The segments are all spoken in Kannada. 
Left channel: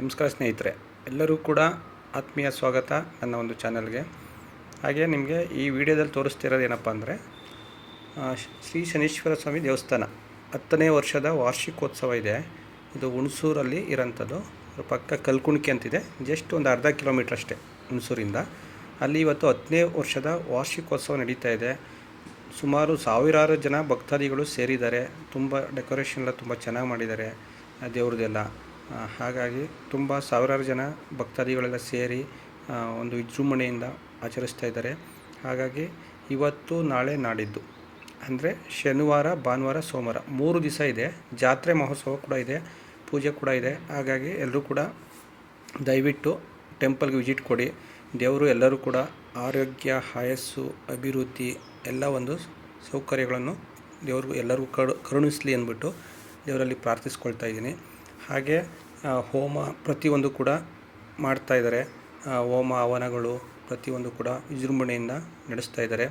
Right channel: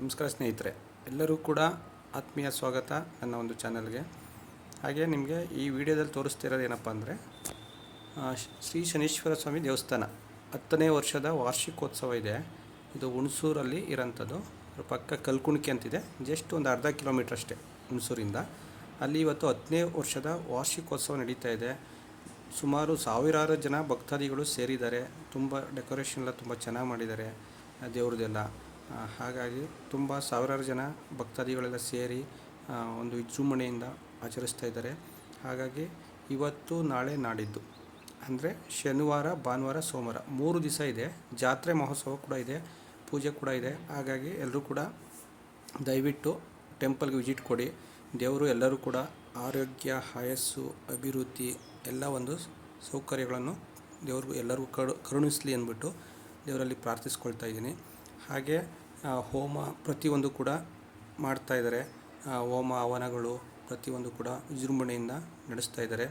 ನಮಸ್ಕಾರ ಸ್ನೇಹಿತರೆ, ಎಲ್ಲರೂ ಕೂಡ ಆತ್ಮೀಯ ಸ್ವಾಗತ ನನ್ನ ಒಂದು ಚಾನಲ್ಗೆ. ಹಾಗೆ ನಿಮಗೆ ಈ ವಿಡಿಯೋದಲ್ಲಿ ತೋರಿಸ್ತಿರೋದು ಏನಪ್ಪ ಅಂದರೆ ಶ್ರೀ ಶನೀಶ್ವರ ಸ್ವಾಮಿ ದೇವಸ್ಥಾನ 10ನೇ ವರ್ಷದ ವಾರ್ಷಿಕೋತ್ಸವ ಇದೆ. ಇದು ಹುಣಸೂರಲ್ಲಿ ಇರೋಂಥದ್ದು. ಪಕ್ಕ ಕಲ್ಕುಣಿಕೆ ಅಂತಿದೆ, ಜಸ್ಟ್ ಒಂದು ಅರ್ಧ ಕಿಲೋಮೀಟ್ರ್ ಅಷ್ಟೇ ಹುಣಸೂರಿಂದ. ಅಲ್ಲಿ ಇವತ್ತು 10ನೇ ವರ್ಷದ ವಾರ್ಷಿಕೋತ್ಸವ ನಡೀತಾ ಇದೆ. ಸುಮಾರು ಸಾವಿರಾರು ಜನ ಭಕ್ತಾದಿಗಳು ಸೇರಿದ್ದಾರೆ. ತುಂಬ ಡೆಕೋರೇಷನ್ ಎಲ್ಲ ತುಂಬ ಚೆನ್ನಾಗಿ ಮಾಡಿದ್ದಾರೆ ದೇವ್ರದ್ದೆಲ್ಲ. ಹಾಗಾಗಿ ತುಂಬ ಸಾವಿರಾರು ಜನ ಭಕ್ತಾದಿಗಳೆಲ್ಲ ಸೇರಿ ಒಂದು ವಿಜೃಂಭಣೆಯಿಂದ ಆಚರಿಸ್ತಾ ಇದ್ದಾರೆ. ಹಾಗಾಗಿ ಇವತ್ತು ನಾಳೆ ನಾಡಿದ್ದು ಅಂದರೆ ಶನಿವಾರ, ಭಾನುವಾರ, ಸೋಮವಾರ 3 ದಿವಸ ಇದೆ. ಜಾತ್ರೆ ಮಹೋತ್ಸವ ಕೂಡ ಇದೆ, ಪೂಜೆ ಕೂಡ ಇದೆ. ಹಾಗಾಗಿ ಎಲ್ಲರೂ ಕೂಡ ದಯವಿಟ್ಟು ಟೆಂಪಲ್ಗೆ ವಿಸಿಟ್ ಕೊಡಿ. ದೇವರು ಎಲ್ಲರೂ ಕೂಡ ಆರೋಗ್ಯ, ಆಯಸ್ಸು, ಅಭಿವೃದ್ಧಿ ಎಲ್ಲ ಒಂದು ಸೌಕರ್ಯಗಳನ್ನು ದೇವ್ರಿಗೂ ಎಲ್ಲರಿಗೂ ಕರುಣಿಸಲಿ ಅಂದ್ಬಿಟ್ಟು ದೇವರಲ್ಲಿ ಪ್ರಾರ್ಥಿಸ್ಕೊಳ್ತಾ ಇದ್ದೀನಿ. ಹಾಗೆ ಹೋಮ ಪ್ರತಿಯೊಂದು ಕೂಡ ಮಾಡ್ತಾಯಿದ್ದಾರೆ. ಹೋಮ ಹವನಗಳು ಪ್ರತಿಯೊಂದು ಕೂಡ ವಿಜೃಂಭಣೆಯಿಂದ ನಡೆಸ್ತಾ ಇದ್ದಾರೆ.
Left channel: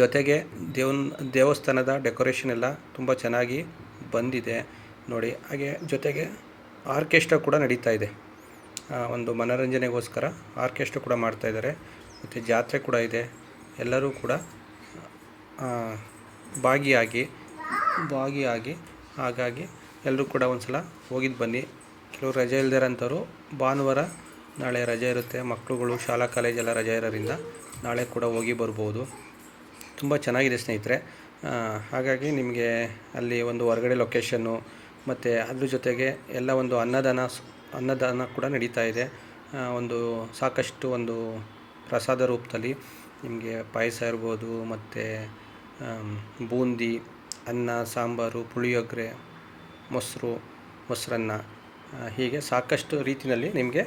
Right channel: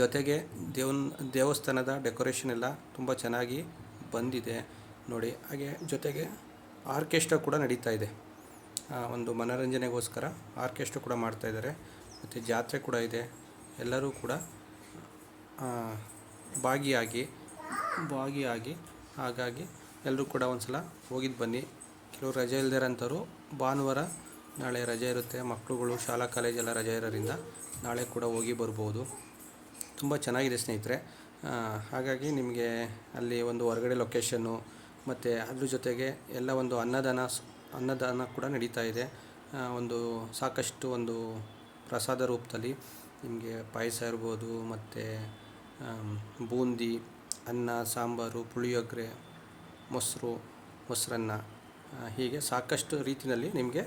ಜೊತೆಗೆ ದೇವಸ್ಥಾನದ ಡೆಕೋರೇಷನ್ ಎಲ್ಲ ತುಂಬ ಚೆನ್ನಾಗಿ ಬಂದಿದೆ ನೋಡಿ. ಹಾಗೆ ಜೊತೆಗೆ ಆರ್ಕೆಸ್ಟ್ರಾ ಕೂಡ ನಡೀತಾ ಇದೆ. ಒಂದು ಮನೋರಂಜನೆಗೋಸ್ಕರ ಆರ್ಕೆಸ್ಟ್ರಾ ಕೂಡ ಮಾಡ್ತಾಯಿದ್ದಾರೆ. ಮತ್ತು ಜಾತ್ರೆ ಕೂಡ ಇದೆ. ಎಲ್ಲರೂ ಕೂಡ ಭಾಗಿಯಾಗಿ ಹಾಗಾಗಿ ಎಲ್ಲರೂ ಕೂಡ ಒಂದು ಸಲ ಹೋಗಿದ್ದು ಬನ್ನಿ. ಕೆಲವರು ರಜೆ ಇಲ್ದಿರೋಂಥವ್ರು ಭಾನುವಾರ ನಾಳೆ ರಜೆ ಇರುತ್ತೆ, ಮಕ್ಕಳುಗಳು ಶಾಲಾ ಕಾಲೇಜೆಲ್ಲ ರಜೆ ಇರೋದ್ರಿಂದ ನಾಳೆ ಕೂಡ ಹೋಗಿ ಬರ್ಬೋದು. ತುಂಬ ಚೆನ್ನಾಗಿದೆ ಸ್ನೇಹಿತರೆ. ಹಾಗಾಗಿ ನಿಮಗೆ ಅಲ್ಲಿ ಒಂದು ಹೊರಗಡೆ ಲೊಕೇಶನ್ನು ಮತ್ತು ಅದ್ರ ಜೊತೆಗೆ ಎಲ್ಲ ಒಂದು ಅನ್ನದಾನ ಕೂಡ ನಡೀತಾ ಇದೆ. ಒಂದು ಸಾಕಷ್ಟು ಒಂದು ಪ್ರಸಾದ ರೂಪದಲ್ಲಿ ನಿಮಗೆ ಪಾಯಸ ಇರ್ಬೋದು, ಮತ್ತು ಬೂಂದಿ, ಅನ್ನ, ಸಾಂಬಾರು, ಪುಳಿಯೋಗರೆ, ಮೊಸರನ್ನ, ಹೀಗೆ ಸಾಕಷ್ಟು ರೀತಿಯಲ್ಲಿ ನಿಮಗೆ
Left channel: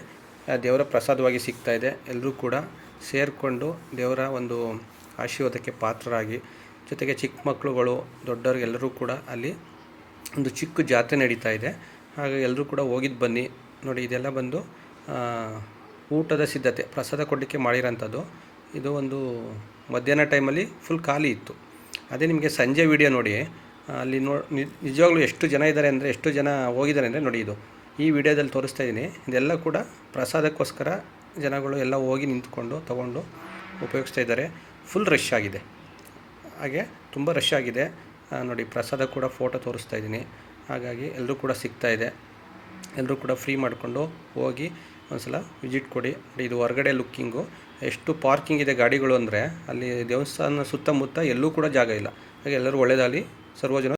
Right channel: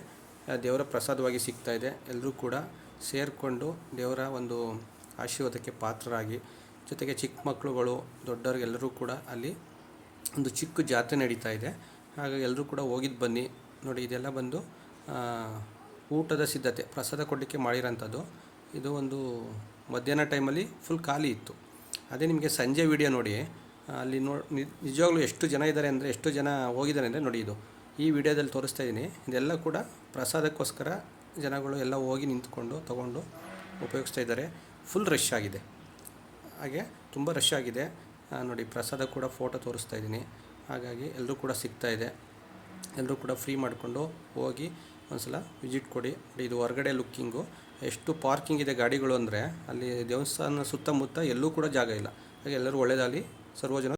ದೇವರ ಪ್ರಸಾದವಾಗಿ ಸಿಗ್ತಾಯಿದೆ. ಎಲ್ಲರೂ ಕೂಡ ಸೇರಿಕೊಂಡು ದೇವರ ಒಂದು ಆಶೀರ್ವಾದಕ್ಕೆ ಪಾತ್ರರಾಗಿ, ಜೊತೆಗೆ ಚಿಕ್ಕ ಮಕ್ಕಳುಗಳು, ದೊಡ್ಡವರಿಗೆಲ್ಲರೂ ಕೂಡ ಅಲ್ಲಿ ಒಂದು ಚಿಕ್ಕ ಜಾತ್ರೆ ನಡೀತಾ ಇದೆ. ಹಾಗಾಗಿ ಎಲ್ಲರೂ ಕೂಡ ಹೋಗಿದ್ದು ಬನ್ನಿ ನೋಡಿ. ಇದೆಲ್ಲ ಬಂದು ಊಟದ ಸಿದ್ಧತೆ, ಪ್ರಸಾದ ಕೊಡಲಿಕ್ಕೆ ಮಾಡಿರೋಂಥದ್ದು. ಇದು ಒಂದು ಮಧ್ಯಾಹ್ನ ಟೈಮಲ್ಲಿ ಫುಲ್ ಖಾಲಿ ಇತ್ತು. ಅದೇ ನಿಮಗೆ ಸಂಜೆ ವಿಡಿಯೋ ನೋಡಿ, ಅಲ್ಲಿ ನಿಜವಾಗ್ಲೂ ಎಷ್ಟು ಜನ ಇದ್ದಾರೆ ಅಂದರೆ, ಎಷ್ಟು ಜನ ಹೋಗಿದ್ದಾರೆ ಅಂದರೆ ನೋಡಿ. ಇದು ಈ ವಿಡಿಯೋದಲ್ಲಿ ತೋರಿಸ್ತಾ ಇದ್ದೀನಿ. ಇದೆಲ್ಲ ಕೂಡ ಪ್ರಸಾದಕ್ಕೋಸ್ಕರ ಜನಗಳು ಎಲ್ಲ ಹೋಗಿ ನಿಂತ್ಕೊಂಡು ತೊಗೊಂಡು ಉಪಯೋಗಿಸ್ತಾ ಇದ್ದಾರೆ. ಫುಲ್ ರಶ್ ಆಗಿದೆ. ಹಾಗೆ ತುಂಬ ರಶ್ ಆಗಿದೆ ನೋಡಿ. ಪ್ರಸಾದ ಕೂಡ ಫೋಟೋ ತೋರಿಸ್ತಾ ಇದ್ದೀನಿ. ಹಾಗಾಗಿ ಎಲ್ಲರೂ ಕೂಡ ಸಿಗ್ತಾ ಇದೆ. ಎಲ್ಲರೂ ಕೂಡ ಫ್ರೀ ಮಾಡಿಕೊಂಡು ಹೋಗಿ ಒಂದು ಸಲ ವಿಸಿಟ್ ಕೊಡಿ. ಇದು ಹೊರಗಡೆ ಲುಕ್ಕಿಂಗು, ಎಷ್ಟು ಪಾರ್ಕಿಂಗ್ ಇದೆ ಗಾಡಿಗಳು ಅಂದರೆ ಅಲ್ಲಿ ದೇವಸ್ಥಾನ ಸುತ್ತಮುತ್ತ ಎಲ್ಲೂ ಕೂಡ ಜಾಗ ಇಲ್ಲ. ಹಾಗೆ ಎಲ್ಲರೂ ಒಳ್ಳೆಯದಾಗಲಿ. ಸರ್ವಜನ